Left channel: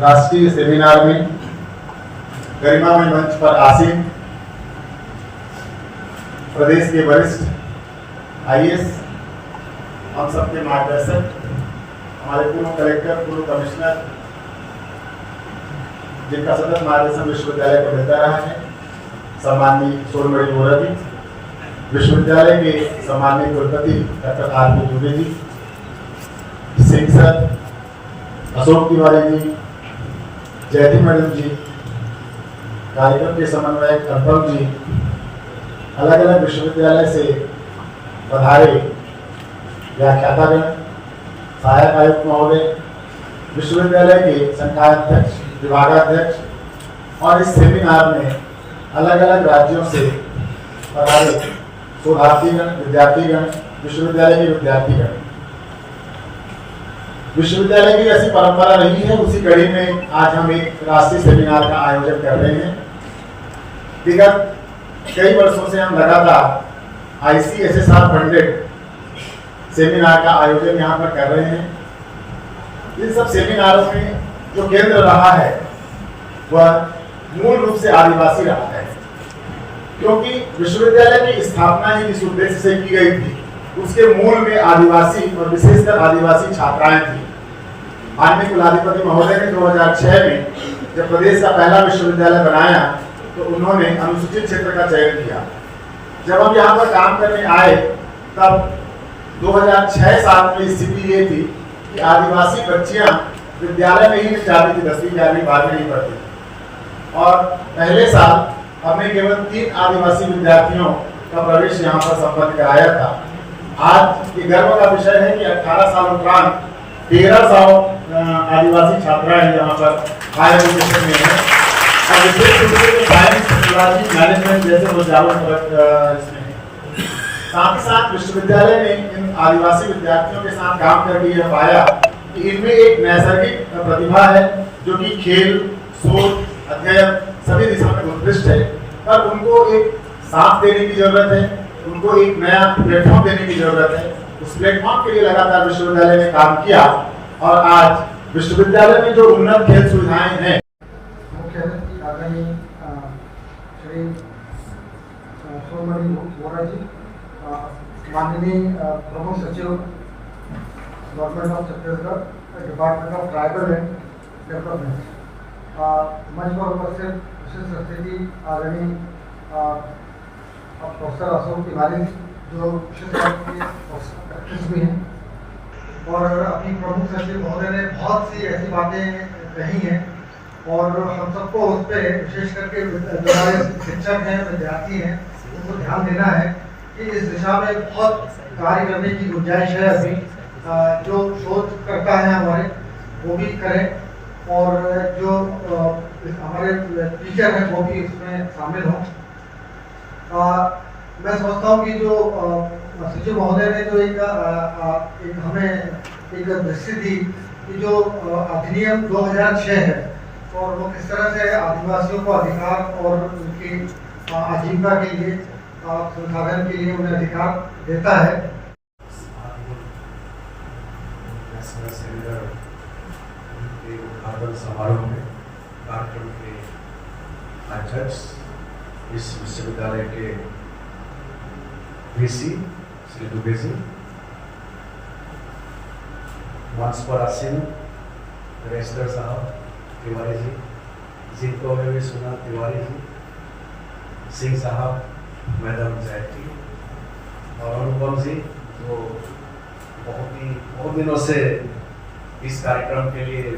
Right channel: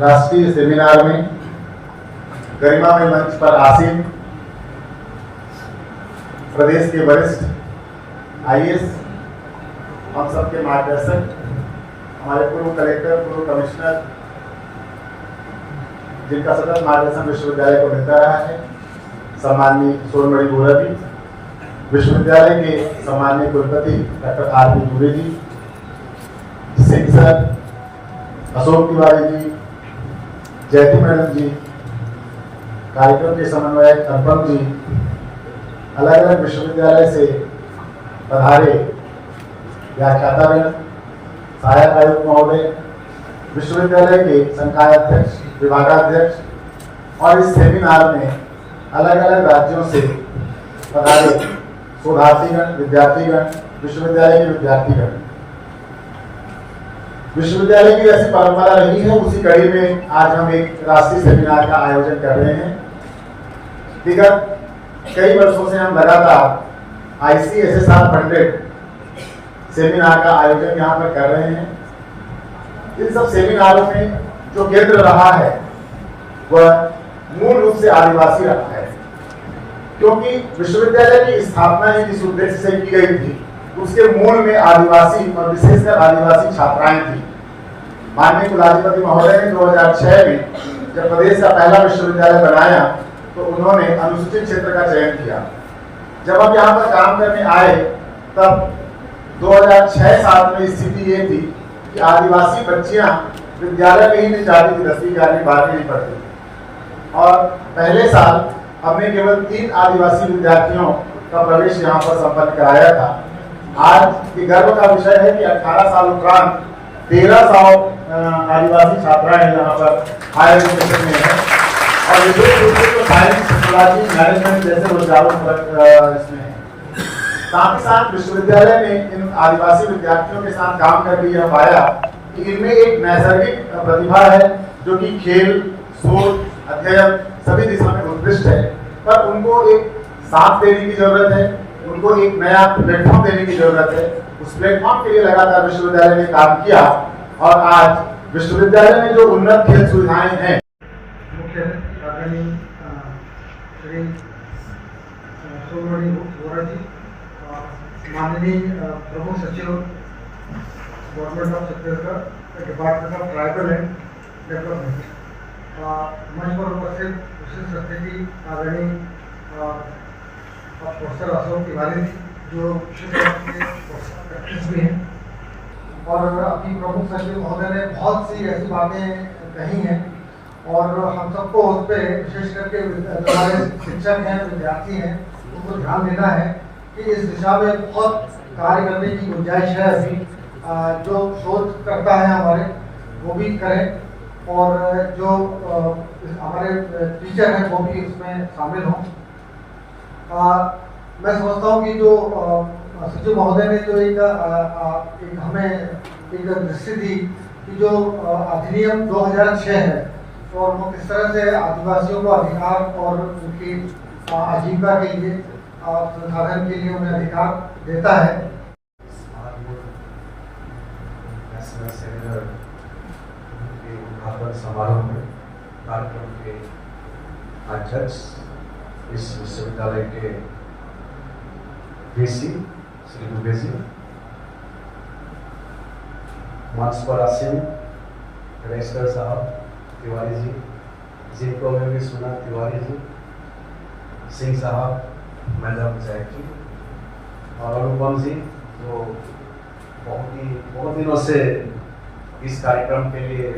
राष्ट्रीय सेमिनार में गरिमामय मंच पर आसीन प्रदेश के वरिष्ठ आईएएस, हम सबके मार्गदर्शक, हमारे पूर्व कलेक्टर, पूर्व कमिश्नर, जिनका सतत मार्गदर्शन विश्वविद्यालय को मिलता रहा है, सम्माननीय सोनमणि बोरा जी, विश्वविद्यालय के सम्माननीय कुलपति doctor RP. Dubey ji, Singh sir, Ashok Tiwari ji, जयती मैडम जी, कार्यक्रम के समन्वयक अनुपम जी, अलग अलग विश्वविद्यालय से पधारे व्याख्यातागण, सहायक आयुक्त महोदय, विश्वविद्यालय के संकायाध्यक्ष, विभागाध्यक्ष और इस सेमिनार में अलग अलग राज्यों से पधारे शोधार्थीगण, विद्यार्थीगण, विश्वविद्यालय के विद्यार्थीगण। विश्वविद्यालय की ऐसी परंपरा रही है, उसी कड़ी में आज हम एक राष्ट्रीय सेमिनार का आयोजन कर रहे हैं। विगत कई वर्षों से हम लगातार ICSSR फंडेड सेमिनार का आयोजन यहाँ पर कर रहे हैं। इन सब सेमिनारों में जो केंद्र रहा है वह मूल रूप से आदिवासी रहा है, क्योंकि विश्वविद्यालय की स्थापना ही जिस उद्देश्य से की गई थी उसके मूल में आदिवासी और विशेषकर आदिवासी छात्राएं थी। माननीय कुलाधिपति महोदय ने 2006 में जब प्रदेश का पहला विश्वविद्यालय बनाया तो उन्होंने अनुसूचित क्षेत्र का चयन किया। जब हम यहाँ पर काम करने आए तब 2006-7 में स्थिति ये थी कि आदिवासी बच्चियां विद्यालय में ही नहीं जाती थी, 10वीं 11वीं 12वीं नहीं पढ़ती, और पहले साल हमने केवल 3 आदिवासी विद्यार्थियों का प्रवेश यहाँ पर संपन्न कराया था। आज ये गर्व का विषय है कि 18 साल उपरांत 1300 आदिवासी छात्राएं यहाँ पर हायर एजुकेशन में है, और विशेष रूप से तो साइंस, टेक्नोलॉजी, मैनेजमेंट जैसे रुझानों इसमें है। साथ ही साथ विश्वविद्यालय ने इन आदिवासी विद्यार्थियों के साथ काम करके यह पाया कि इनमें एक नैसर्गिक प्रतिभा है जो कि खेल, शोध, अध्ययन सभी दिशा में उत्कृष्ट है, पर उनको एक साथ देने की जरूरत है, उनको एक नया प्लेटफॉर्म देने की जरूरत है। उस प्लेटफॉर्म के लिए लगातार विश्वविद्यालय ने काम किया और आज विश्वविद्यालय में जो उन्नत खेल सुविधाएं हैं, मुख्यमंत्री आदरणीय श्री सोनमणि बोरा जी, माननीय प्रमुख सचिव government of Chhattisgarh, department of tribal and development, मंच पर उपस्थित विशिष्ट अतिथि आदरणीय प्रोफेसर अशोक तिवारी जी, जो भी हैं, और अपनी प्रमुख सचिव महोदय ने बहुत सी ऐसी बातें कही हैं और हम सबको उस पर विशेष करके हमारे शिक्षक हैं, विद्यार्थी हैं, उनको ध्यान देना है कि इस दिशा में बहुत कार्य करने की गुंजाइश है। अभी जो शोध करता है हमारे वो भी करें, और जो हमारे टीचर हैं वो भी उसमें शामिल हों। मैं समझता हूँ कि जो सचिव महोदय ने जो एक हमें एक दृष्टि दी कि जो अधिनियम 2006 है और वो किस तरह से आदिवासियों को अधिकार और उनकी आजीविका के लिए, संसाधन के लिए उन्हें अधिकार देता है। सेमिनार के उद्घाटन समारोह में कार्यक्रम के अध्यक्ष, इस विश्वविद्यालय के VC श्री दुबे जी, मंच पर आसीन रजिस्टर साहब तिवारी जी, जिनको मैंने सुना तिवारी जी, सिंह साहब, मैडम जयती और अनुपम जी, जो बहुत दिनों से इस कार्यक्रम के लिए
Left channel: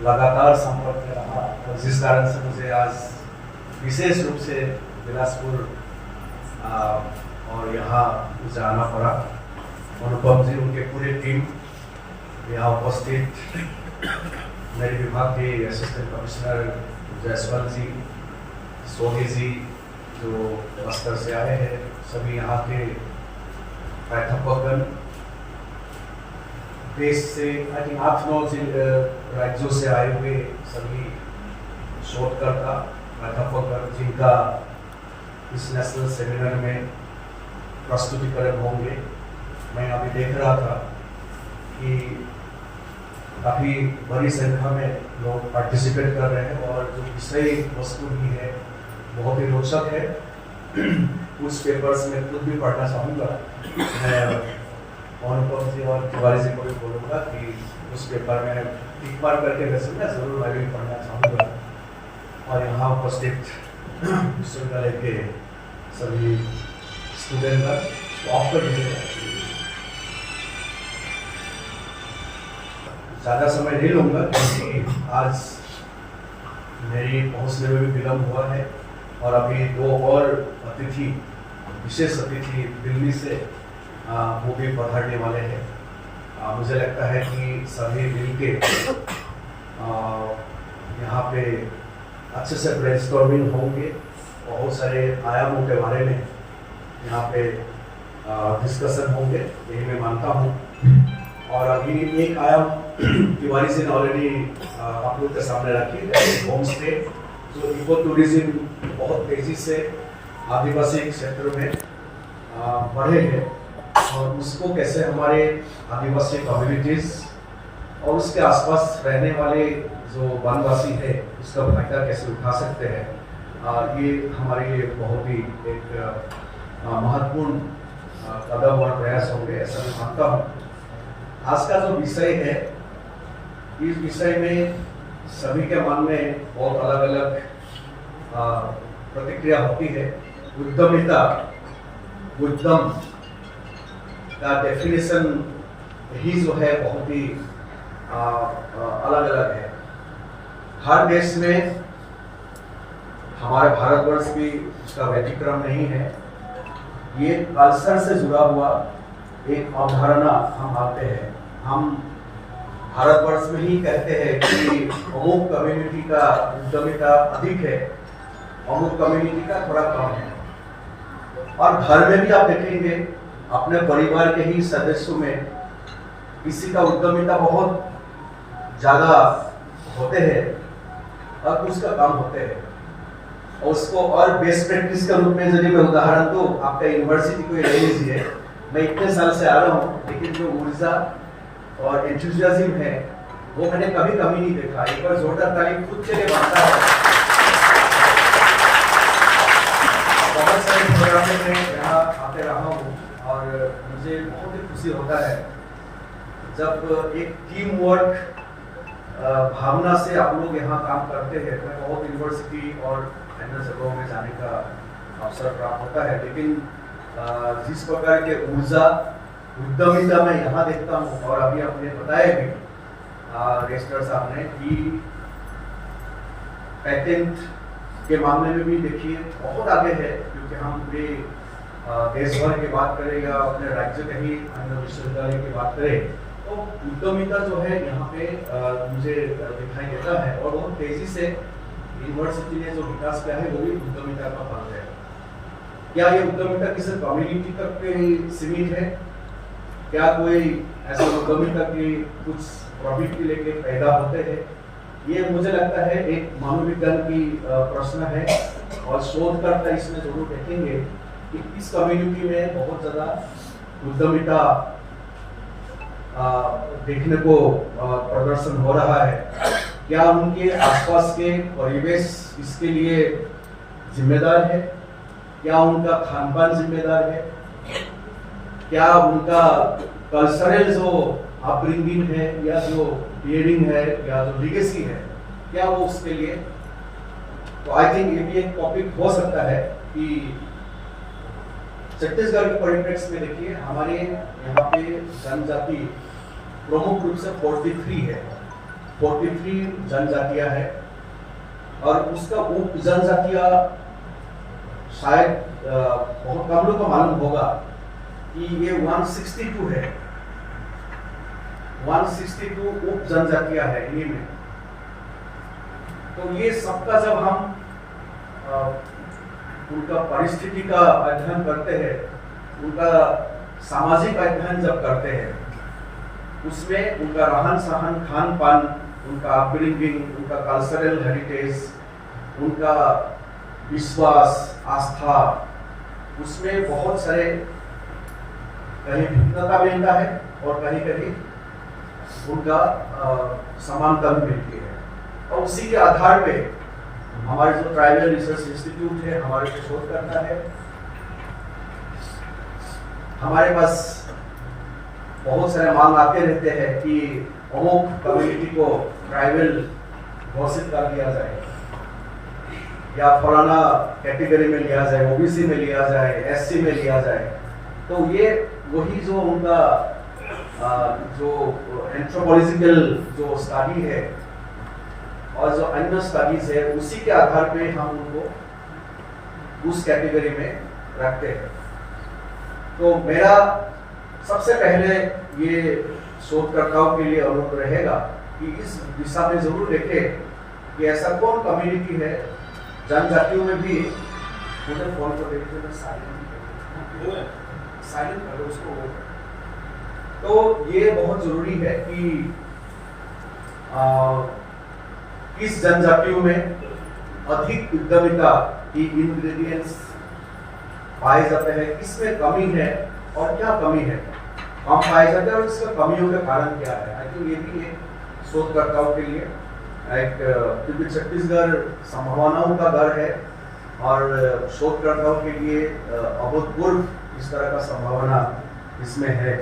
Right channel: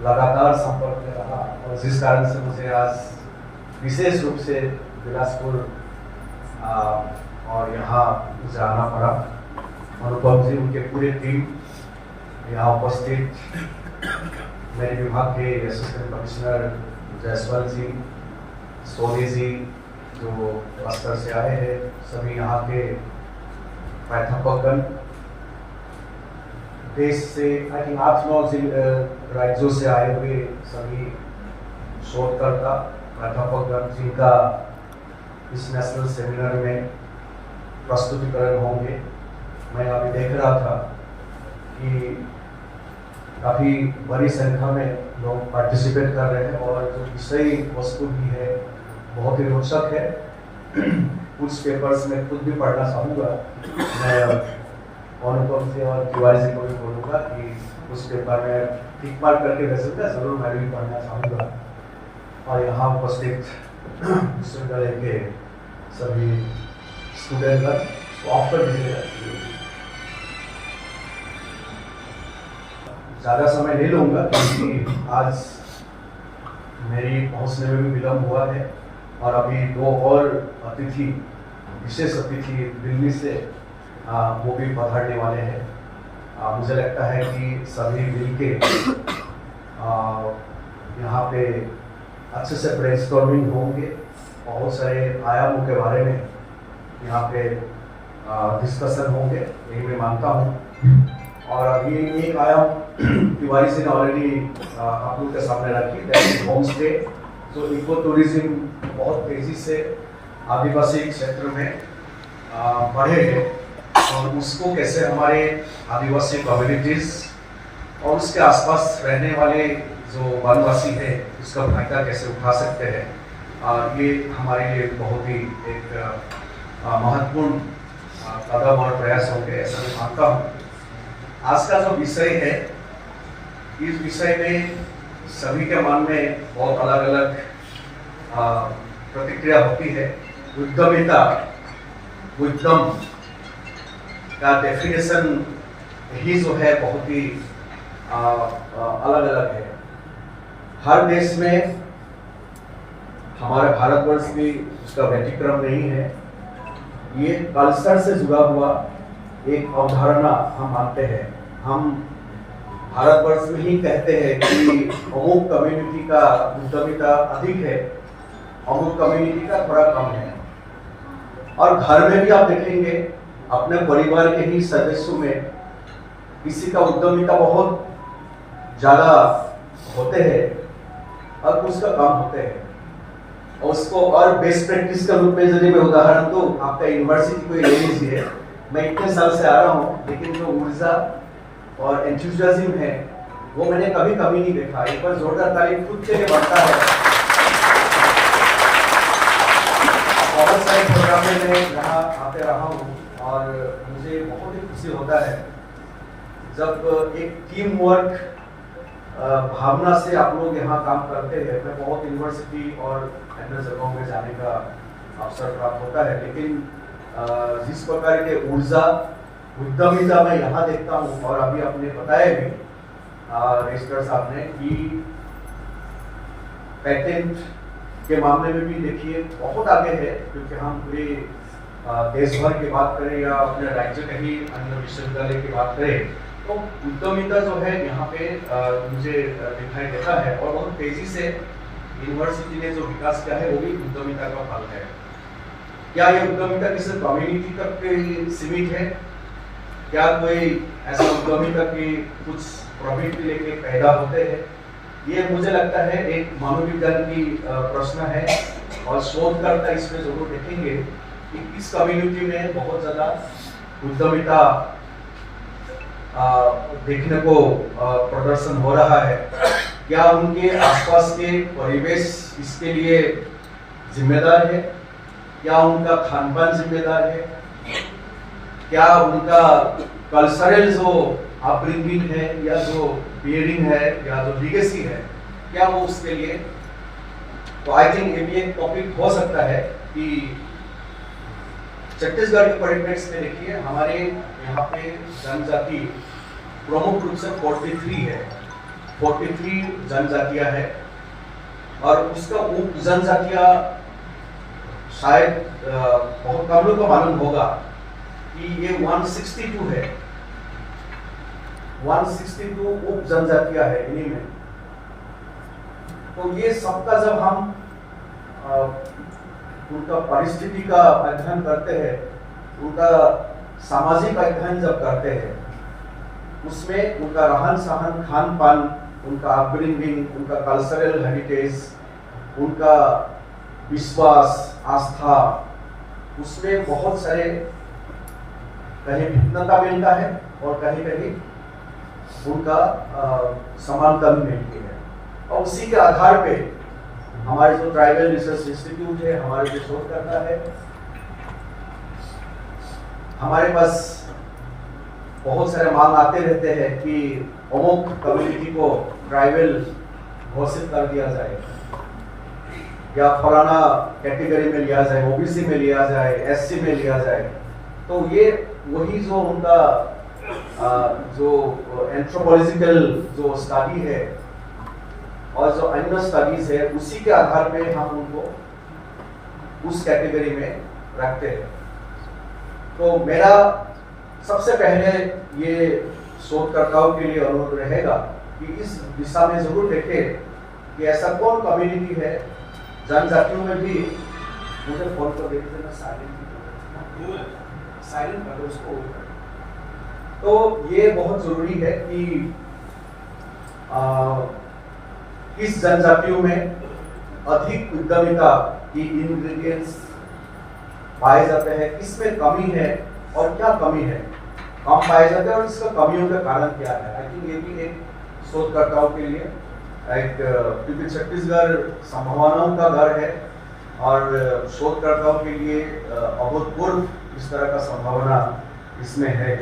लगातार संपर्क में रहा, और जिस कारण से मुझे आज विशेष रूप से बिलासपुर और यहाँ जाना पड़ा। अनुपम जी, उनके पूरे टीम यहाँ उपस्थित, मेरे विभाग के असिस्टेंट कमिश्नर जयसवाल जी, सोनी जी जो बस्तर से आए हैं, सभी यहाँ के प्राध्यापकगण, देश से आई थिंक 8-9 राज्यों से आए हुए सभी शोधकर्ता, प्राध्यापकगण, जिनका इस नेशनल सेमिनार में प्रस्तुतिकरण होंगे। मैं अभी देख रहा था कि काफ़ी बड़ी संख्या में लोग पार्टिसिपेट कर रहे हैं और जो विषय वस्तु भी है बहुत ही रोचक है। कुछ पेपर्स में खुद भी पढ़ना चाहूँगा। मैं अनुपम जी और तिवारी जी को भी बोलूँगा कि उस पेपर में टिक मार्क करके भेजेंगे, जरूर मैं भी पढ़ना चाहूँगा। और यहाँ उपस्थित विश्वविद्यालय के सभी स्टूडेंट का ऑफर ज़्यादा समय नहीं लूँगा क्योंकि आज मेरी पहुँचने में भी विलम्ब हुआ है और अभी दो और अतिथि, विशेष अतिथि दिल्ली से वो भी पधारने वाले हैं। मुझे लगता है कि सभी मिल के यहाँ पे अच्छे से ब्रेनस्टॉर्मिंग होंगे, बहुत सारे आयामों के बारे में यहाँ पे डिस्कशन होंगे, यही मैं मानता हूँ। और अभी एक आयाम तिवारी से ऑलरेडी आप लोग के सामने रखी, होम स्टे, जो इको टूरिज्म बहुत तेजी से आदिवासी क्षेत्र में बढ़े हैं और उसको कैसे हमारे आदिवासी कम्युनिटीज और उसके आसपास रहने वाले जो वनवासी है उसका फायदा कैसे उठा सकते हैं, ये हमारे लिए बहुत ही एक महत्वपूर्ण कदम और प्रयास होंगे, ऐसा मैं मानता हूँ। आज का जो विषय है, इस विषय में सभी के मन में बहुत अलग अलग प्रतिक्रिया होती है। उद्यमिता, उद्यम का डेफिनेशन ही जो है बहुत ही अलग अलग है। हर देश में, हमारे भारतवर्ष भी इसका व्यतिक्रम नहीं है। ये कल्चर से जुड़ा हुआ एक अवधारणा हम मानते हैं। हम भारतवर्ष में ही कहते हैं कि अमुक कम्युनिटी का उद्यमिता अधिक है, अमुक कम्युनिटी का थोड़ा कम है। और घर में भी आप देखेंगे अपने परिवार के ही सदस्यों में किसी का उद्यमिता बहुत ज्यादा होते हैं और कुछ का कम होते हैं। और उसको और बेस्ट प्रैक्टिस के रूप में यदि मैं उदाहरण तो आपका यूनिवर्सिटी को ले लीजिए। मैं इतने साल से आ रहा हूँ, लेकिन जो ऊर्जा और एंथुसियाज्म है वो मैंने कभी कमी नहीं देखा। एक बार जोरदार ताली खुद के लिए बनता है। बहुत सारे प्रोग्राम में मैं यहाँ आते रहा हूँ और मुझे बहुत ही खुशी होता है जब एक टीम वर्क भावना से आप लोग यहाँ काम करते हैं। मैं बहुत यूनिवर्सिटी और अन्य जगहों में जाने का अवसर प्राप्त होता है, लेकिन जिस प्रकार के ऊर्जा उद्यमिता मैं यहाँ देखता हूँ, और अभी आपने बताया भी रजिस्ट्रार साहब ने कि पेटेंट के मामले में भी देखिए बहुत आगे है, क्योंकि हम पूरे देश भर की बात करें या अपने राज्य के ही अन्य विश्वविद्यालय की बात करें तो उद्यमिता जो है यहाँ पे मुझे दिखाई देता है। और बहुत तेजी से यूनिवर्सिटी ने जो विकास किया है वो भी उद्यमिता का फल है। क्या ये उद्यमिता किसी कम्युनिटी तक के सीमित है? क्या कोई ऐसा उद्यमिता की कुछ प्रवृत्ति लेके पैदा होते हैं? ये मुझे लगता है एक मनोविज्ञान की प्रश्न है और शोधकर्ता इसमें जरूर देखेंगे कि किस कम्युनिटी में बहुत ज्यादा उद्यमिता देखने को प्रदर्शन हो रहा है। क्या उनके आसपास के परिवेश इसके लिए जिम्मेदार है? क्या उनका खानपान जिम्मेदार है? क्या उनका कल्चरल जो अपब्रिंगिंग है या जो बियरिंग है या जो लीगेसी है, क्या वो उसके लिए? तो आई थिंक ये भी एक टॉपिक हो सकता है कि छत्तीसगढ़ के परिप्रेक्ष्य में देखिए हमारे यहाँ पे जनजाति प्रमुख रूप से 43 है, 43 जनजातियां है और उसका उप जनजातियां शायद बहुत कम लोगों को मालूम होगा कि ये 162 है, 162 उप जनजातियां है इन्हीं में। तो ये सबका जब हम उनका परिस्थिति का अध्ययन करते हैं, उनका सामाजिक अध्ययन जब करते हैं, उसमें उनका रहन सहन, खान पान, उनका अपब्रिंगिंग, उनका कल्चरल हेरिटेज, उनका विश्वास, आस्था, उसमें बहुत सारे कहीं भिन्नता मिलता है और कहीं कहीं उनका समानता भी मिलती है। और उसी के आधार पे हमारे जो ट्राइबल रिसर्च इंस्टीट्यूट है, हमारे जो शोधकर्ता है, हमारे पास बहुत सारे मांग आते रहते हैं कि अमुक कम्युनिटी को ट्राइबल घोषित कर दिया जाए या फलाना कैटेगरी में लिया जाए, ओबीसी में लिया जाए, एससी में लिया जाए। तो ये वही जो उनका जो एंथ्रोपोलॉजिकल जो स्टडी है और जो अन्य स्टडीज है, उसी के आधार पे हम उनको उस कैटेगरी में रखते हैं। तो मेरा सबसे पहले ये शोधकर्ताओं के लिए अनुरोध रहेगा कि इस दिशा में जरूर देखें कि ऐसा कौन कम्युनिटी है जनजातियों में भी, मुझे फोन कर देखते मैं साइलेंट कर दो उसको। तो ये बहुत जरूरी है कि किस जनजातियों में अधिक उद्यमिता की इंग्रेडिएंट्स पाए जाते हैं, किसमें कमी है और क्या कमी है, कम पाए जाते हैं और इसका कमियों का कारण क्या है। आई थिंक ये भी एक शोधकर्ताओं के लिए एक, क्योंकि छत्तीसगढ़ संभावनाओं का घर है और शोधकर्ताओं के लिए अभूतपूर्व इस तरह का संभावना इसमें है।